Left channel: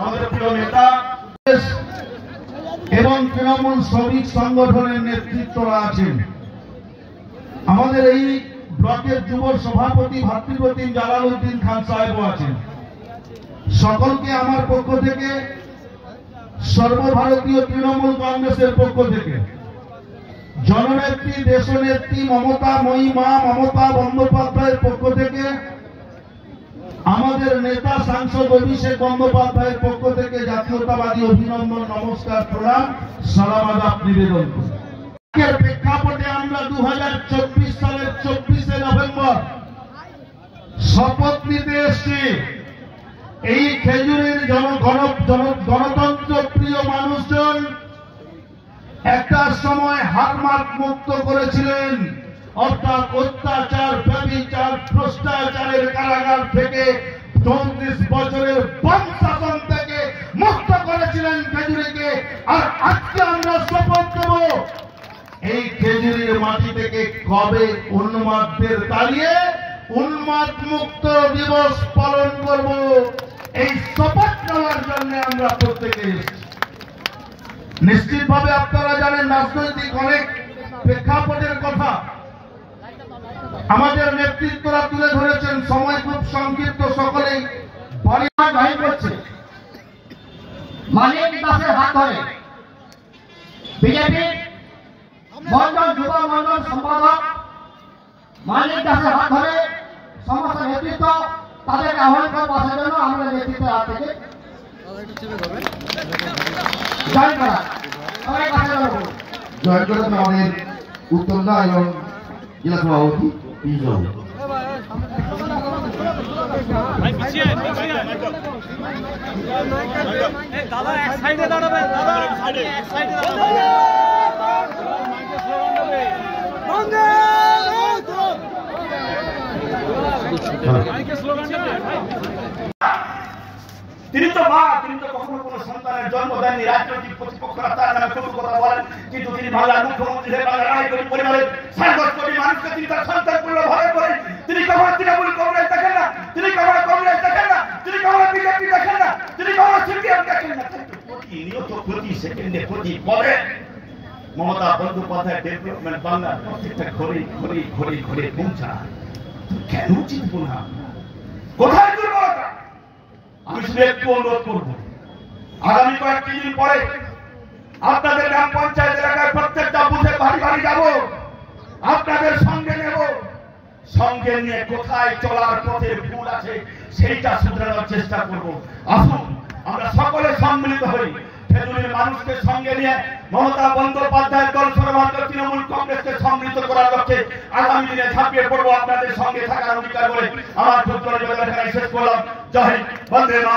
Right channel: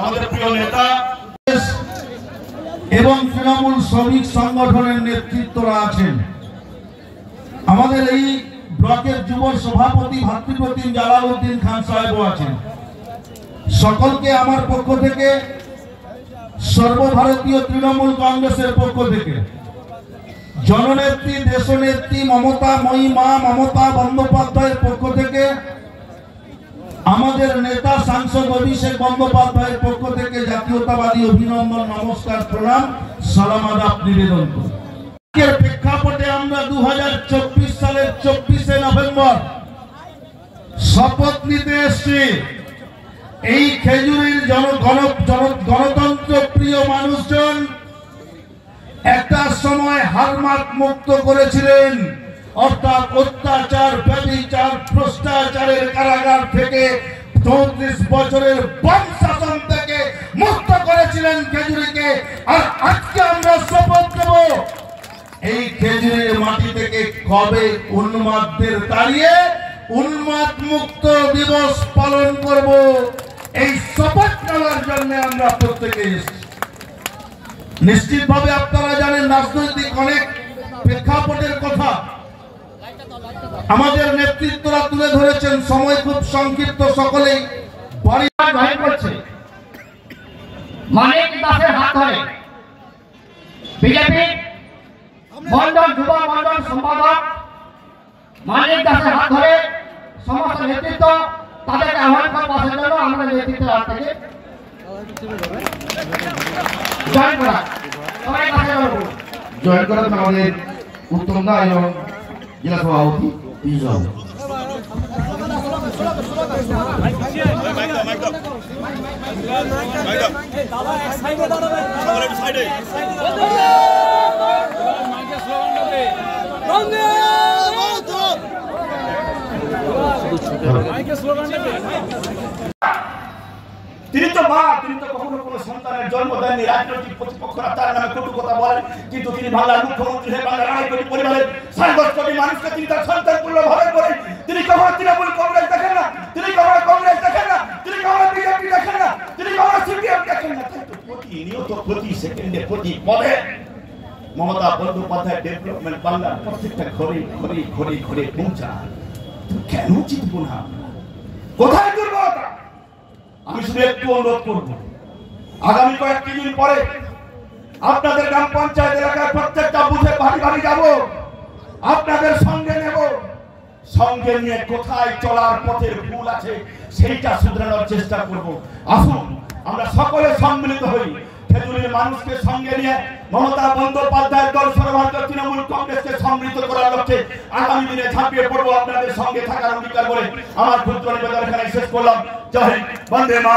আমাদের প্রিয় নেতা এবং তৃণমূল শ্রমিক সংগঠনের নেতৃত্বরা আছেন, আমাদের এই ব্লকের যুব সভাপতি ভাতৃপ্রতিম জালালউদ্দিন খান সাহেবও আছেন। সকলকে আমার পক্ষ থেকে, সর্বভারতীয় তৃণমূল কংগ্রেসের পক্ষ থেকে, জননেত্রী দেশনেত্রী মমতা বন্দ্যোপাধ্যায়ের পক্ষ থেকে, আমাদের নেতা সাংসদ অভিষেক বন্দ্যোপাধ্যায়ের পক্ষ থেকে জাতীয়তাবাদী অভিনন্দন, নমস্কার, প্রণাম, সালাম আদাব নিবেদন করি। প্রেক্ষাপটে আমরা 2024 সালের 24শে নভেম্বর শপথ নিতে এসেছি। এই খেজুরের গণতন্ত্র প্রিয় মানুষজন একটা সময় হারমার্ক মুক্ত করেছিলেন, অর্থাৎ অত্যাচার, ব্যভিচার, ভ্রষ্টাচারের কারাগার থেকে 34 বছরের বাম শাসন থেকে মুক্ত করেছিলেন খেজুরিকে। আর আজকে আমরা শপথ নেব এই খেজুরের মাটি থেকে কবে উন্মাদদের তাড়িয়ে উন্মাদ মুক্ত দিবস পালন করব, এই শপথ নেওয়ার জন্য আমরা প্রত্যেকে এসেছি। নিশ্চিতভাবে আপনারা জানেন রাজনৈতিক অনেক প্রেক্ষাপটের কথা আমাদের নেতৃত্বরা তুলে ধরেছেন, সময় খুব সংক্ষিপ্ত, সকলেই বাড়ি জয়েন করছে। মানিক দাসের হাত ধরে বিজেপি মন্ডল যুব মন্ডল সম্পাদক মানিক দাসের হাত ধরে সমস্ত নেতৃত্ব তাদেরকে আহ্বান করে বসার জন্য আমাদের নেতৃত্বের হাত থেকে জয়েন করা, সবাই কাছে বলুন জয়েন করা আমাদের উত্তরদা এবং জেলা সভাপতি তিনি তো মা, তিনি তো কখনো কোনো সন্তানের জন্ম দেননি। রাজনৈতিক প্রতিপক্ষরা তার নামে কটু কথা বলেন, কিন্তু তিনি বাংলার মুখ্যমন্ত্রী হয়ে বাংলার 9 কোটি পরিবারের 10 কোটি মানুষকে তিনি তার সন্তান তুল্য ভাবে করেন। তিনি কখনো তৃণমূল কংগ্রেস দেখেন না, তিনি কখনো কংগ্রেস দেখেন না, তিনি কখনো বিজেপি দেখেন না, তিনি কখনো সিপিএম দেখেন না। কিন্তু প্রতিনিয়ত প্রতি সেকেন্ডে প্রতি পদে মমতা বন্দ্যোপাধ্যায় ডেভেলপমেন্ট বাংলার প্রত্যেকটা ঘরে পৌঁছায়। কেন জিতবো না? কোথায় দুর্বলতা? আমি শুধু একটু অনুরোধ করবো, আগামী কয়েকটি দিন পরে আপনাদের গ্রাম পঞ্চায়েত এলাকায় প্রত্যেকটা বুথে বাড়ি বাড়ি যাব, আপনাদের সঙ্গে নেব, সঙ্গে নিয়ে কোথায় চলার পথের ভুল আছে সেইটা শুধরানোর চেষ্টা করব। আসুন আমরা সকলে সম্মিলিত হই, খেজুরের মানুষকে সঙ্গে নিয়ে মমতা বন্দ্যোপাধ্যায়ের দল সর্বভারতীয় তৃণমূল কংগ্রেসকে সম্মিলিত করার লক্ষ্যে আগামী দিনে ঝাঁপিয়ে পড়বো। আপনাদের সঙ্গে থাকার অঙ্গীকার করে আমার ক্ষুদ্র নিবেদন এখানে শেষ করলাম। জয় হিন্দ, বন্দে মাতরম।